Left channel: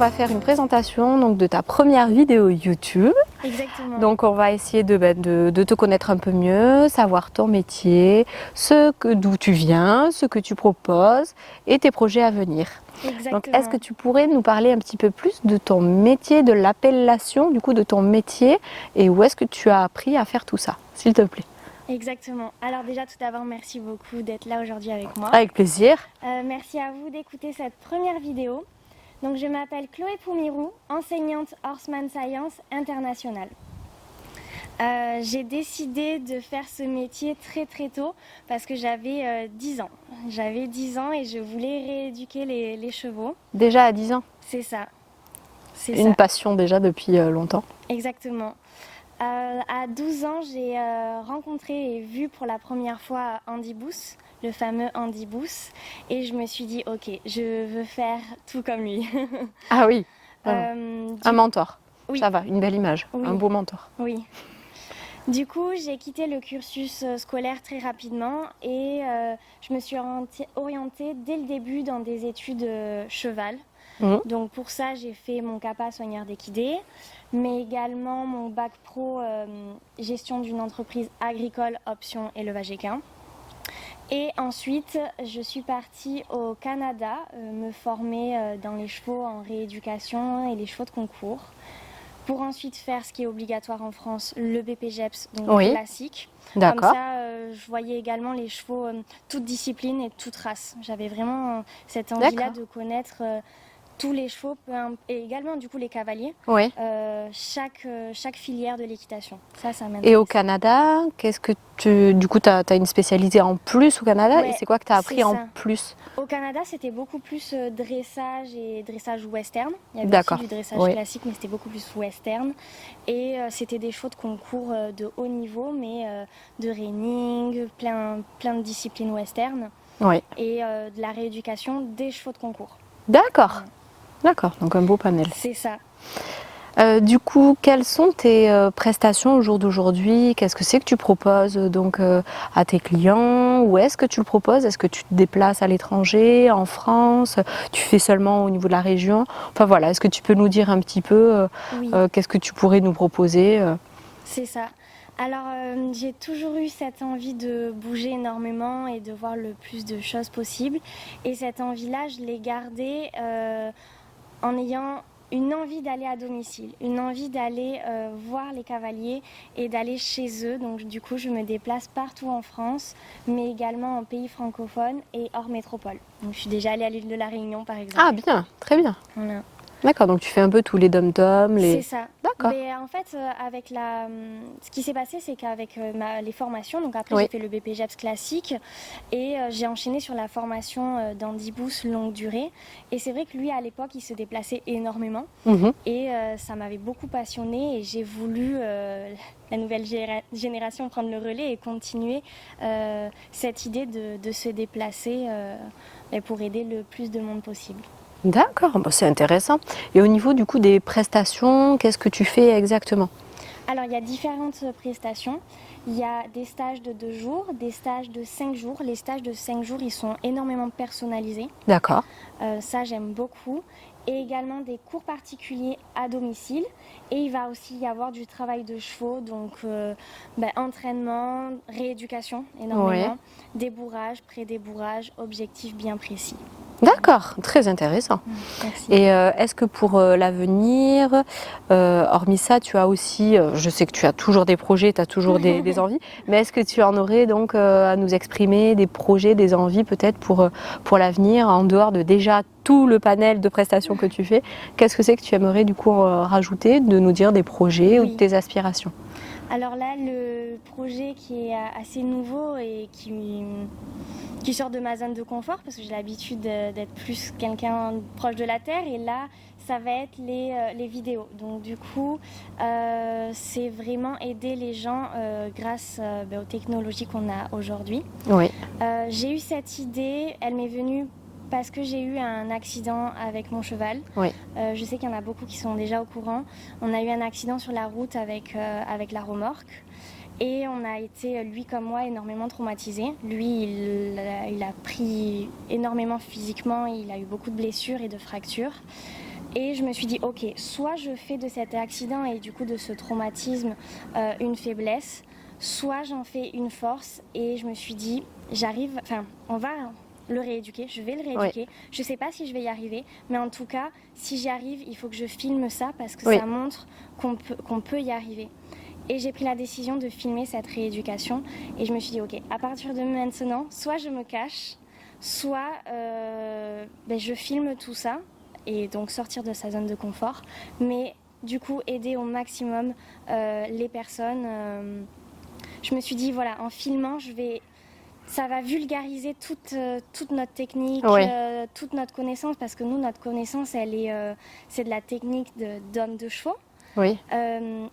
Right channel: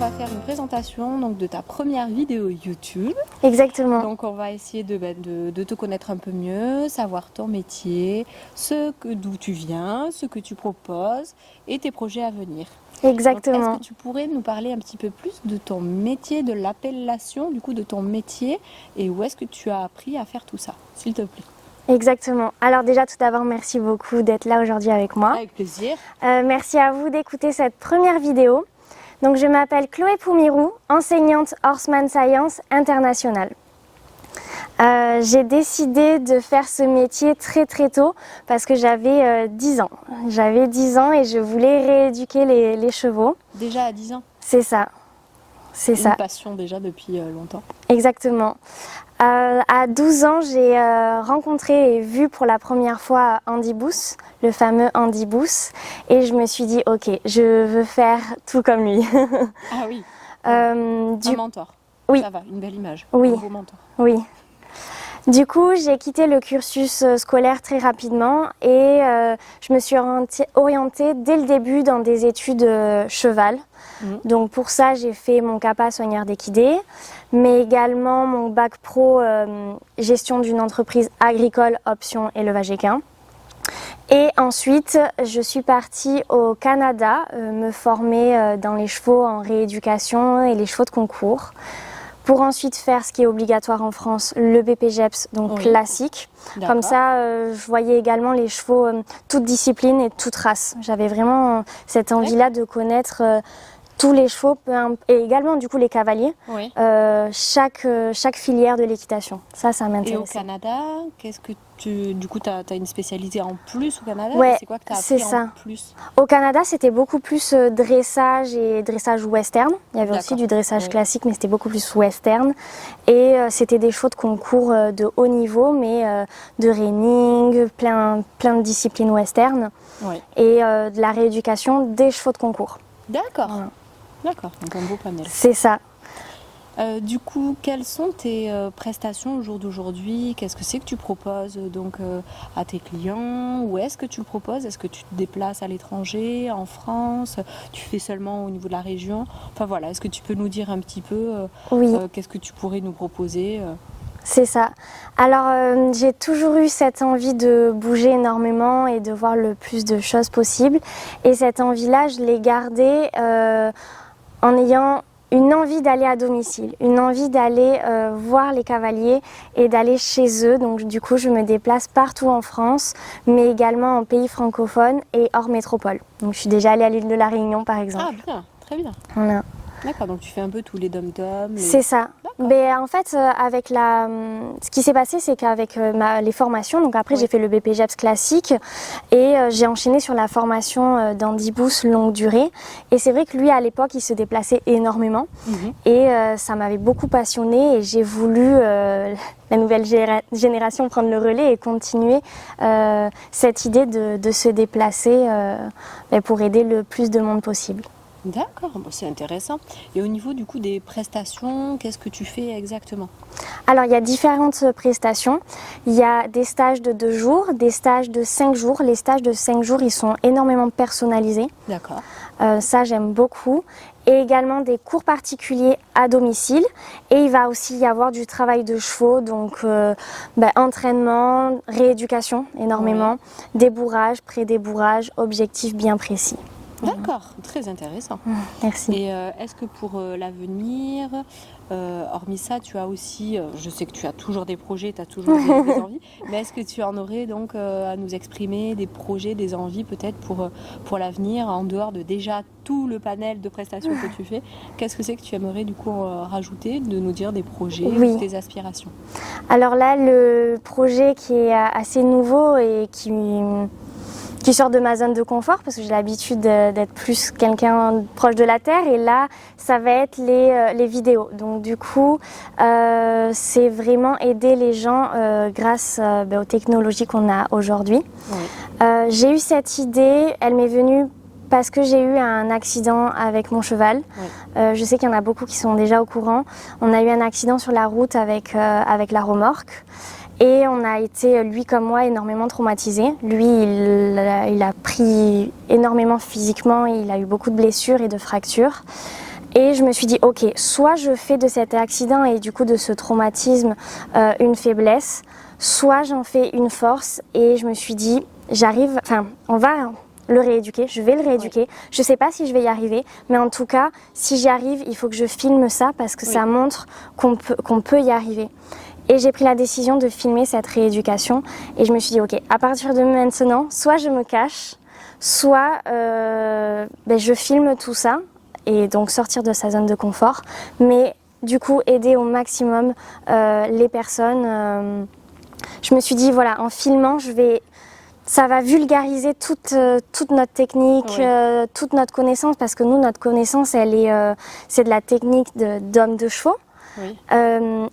va faire une présentation donc, de ta première vidéo YouTube. Exactement. Donc on va essayer de te connaître un peu mieux, savoir ton métier, d'où tu viens, ce que tu proposes et tes projets à venir. Exactement. Est-ce que tu pourrais nous parler un petit peu plus de ton métier, de l'appellation du coup de ton métier et où est-ce que tu as appris à faire tout ça, s'il te plaît? Exactement. Alors déjà, tout d'abord, merci beaucoup d'être là aujourd'hui avec moi. Avec plaisir. Merci à vous d'écouter cette première vidéo. Donc, je m'appelle Chloé Poumirou, enseignante Horseman Science internationale. J'ai décidé de faire ce métier très très tôt parce que j'avais 10 ans. J'avais 10 ans et je voulais rééduquer les chevaux. Déjà à 10 ans? C'est ça. C'est ça. Une passion déjà depuis longtemps. Exactement. À 12 ans, j'ai rencontré et vu pour la première fois Andy Booth, le fameux Andy Booth, et je me suis dit, ok, je veux faire tout comme lui. Ah oui, un mentor. Oui. Ça va, une belle image, Oui. un beau mentor. Oui. Du coup, j'ai quitté le cursus scolaire très rapidement et je me suis orientée dès le début dans des études cheval. Donc pour ça, j'ai fait mon CAPA soigneur d'équidés, mais également mon bac pro gestion d'une entreprise agricole option élevage équin. Et ensuite, je suis partie au Canada me former dans les chevaux en rééducation et les chevaux de concours, pour ensuite faire ce qui est obligatoire en France, le BPGEPS, donc classique. Comme ça, je voyais également les chevaux, toutes disciplines et toutes races. J'avais vraiment cette envie-là de connaître tous les chevaux et également du coup les cavaliers, chaque filière de l'équitation. Ça m'intéresse. Et au Canada, qu'est-ce que du coup, tu as une spécialité en plus au Canada et c'est quoi que tu as appris en plus? Au Canada, c'était beaucoup plus dressage et dressage western. Il y avait aussi du dressage classique, mais c'était beaucoup plus western. Et c'était des chevaux de concours de haut niveau, mais de reining, plein de disciplines western. Et de la rééducation des chevaux de concours. D'accord. D'accord, donc un beau panel. C'est ça. Du coup, quelles sont tes prestations au jour d'aujourd'hui? Qu'est-ce que c'est que tu proposes donc à tes clients? Où est-ce que tu le proposes? Est-ce que tu te déplaces à l'étranger, en France? Tu fais seulement au niveau de la région? Enfin voilà, est-ce que tu peux nous dire un petit peu qu'est-ce que tu pourrais nous proposer? C'est ça. Alors, j'ai toujours eu cette envie de bouger énormément et de voir le plus de choses possible. Et cette envie-là, je l'ai gardée en ayant une envie d'aller à domicile, une envie d'aller voir les cavaliers et d'aller chez eux. Donc du coup, je me déplace partout en France, mais également en pays francophones et hors métropole. Donc je suis déjà allée à l'île de la Réunion, par exemple. Ah bien, très bien. Voilà. D'accord, donc tu fais un peu tous les dom-toms. C'est ça. Mais en fait, ce qui s'est passé, c'est qu'avec les formations, donc après j'ai fait le BPGEPS classique et j'ai enchaîné sur la formation d'Andy Booth longue durée. Et c'est vrai que lui, à l'époque, il se déplaçait énormément et ça m'avait beaucoup passionnée et j'ai voulu la nouvelle génération prendre le relais et continuer cette idée de se déplacer pour aider le plus de monde possible. D'accord, c'est intéressant. Et au niveau du coup des prestations, qu'est-ce que tu fais exactement? Alors il y a différentes prestations. Il y a des stages de 2 jours, des stages de 5 jours. Les stages de 5 jours, ils sont énormément personnalisés. D'accord. Ça, j'aime beaucoup. Et également des cours particuliers à domicile. Et il va aussi y avoir du travail de chevaux, donc entraînement, rééducation énormément, débourrage, pré-débourrage, objectifs bien précis. D'accord, très intéressant. Merci. Et est-ce que pour l'avenir, hormis ça, tu as aussi, je sais que tu as toujours des projets, tu as toujours des envies, mais est-ce que tu en aurais donc à nous exprimer des projets, des envies peut-être pour l'avenir, en dehors de déjà tout le panel de prestations que tu fais? Qu'est-ce que c'est que tu aimerais du coup rajouter, de nous dire des projets ou des aspirations? Alors là, le projet qui est assez nouveau et qui sort de ma zone de confort parce que j'ai l'habitude d'être plus quelqu'un proche de la terre et là ça va être les vidéos. Donc du coup c'est vraiment aider les gens grâce aux technologies qu'on a aujourd'hui. J'ai eu cette idée, elle m'est venue parce que j'ai eu un accident avec mon cheval. Je sais qu'il y en a beaucoup qui sont déjà au courant. On a eu un accident sur la route avec la remorque. Et on a été, lui comme moi, énormément traumatisés. Lui, il a pris énormément physiquement, il a eu beaucoup de blessures et de fractures. Et je me suis dit, ok, soit je fais de cet accident et du coup de ce traumatisme une faiblesse, soit j'en fais une force. Et je me suis dit, on va le rééduquer, je vais le rééduquer. Oui. Je ne sais pas si je vais y arriver, mais en tout cas, si j'y arrive, il faut que je filme ça parce que ça montre qu'on peut y arriver. Et j'ai pris la décision de filmer cette rééducation et je me suis dit, ok, à partir de maintenant, soit je me cache, soit je filme tout ça et donc sortir de sa zone de confort, mais du coup aider au maximum les personnes. Je me suis dit, voilà, en filmant, ça va vulgariser toute notre technique, toute notre connaissance, parce que nous, notre connaissance, c'est de la technique d'homme de chevaux,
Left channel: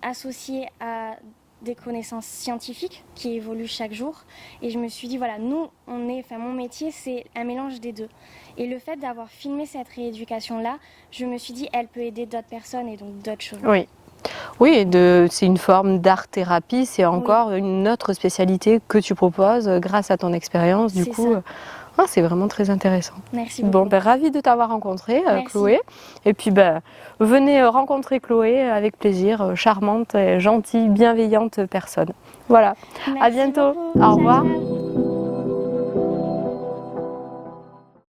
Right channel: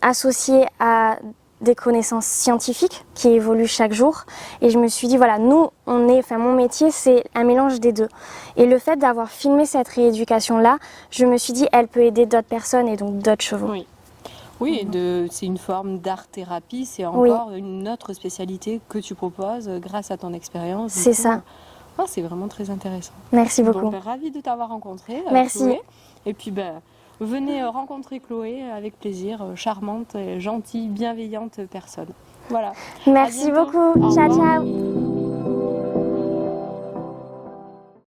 associée à des connaissances scientifiques qui évoluent chaque jour. Et je me suis dit, voilà, mon métier, c'est un mélange des deux. Et le fait d'avoir filmé cette rééducation-là, je me suis dit, elle peut aider d'autres personnes et donc d'autres chevaux. Oui, c'est une forme d'art-thérapie, c'est encore une autre spécialité que tu proposes grâce à ton expérience. C'est ça. C'est vraiment très intéressant. Merci beaucoup. Ravie de t'avoir rencontrée, Chloé. Et puis, venez rencontrer Chloé avec plaisir, charmante, gentille, bienveillante personne. Voilà. Merci à bientôt. beaucoup. Au revoir. Ciao.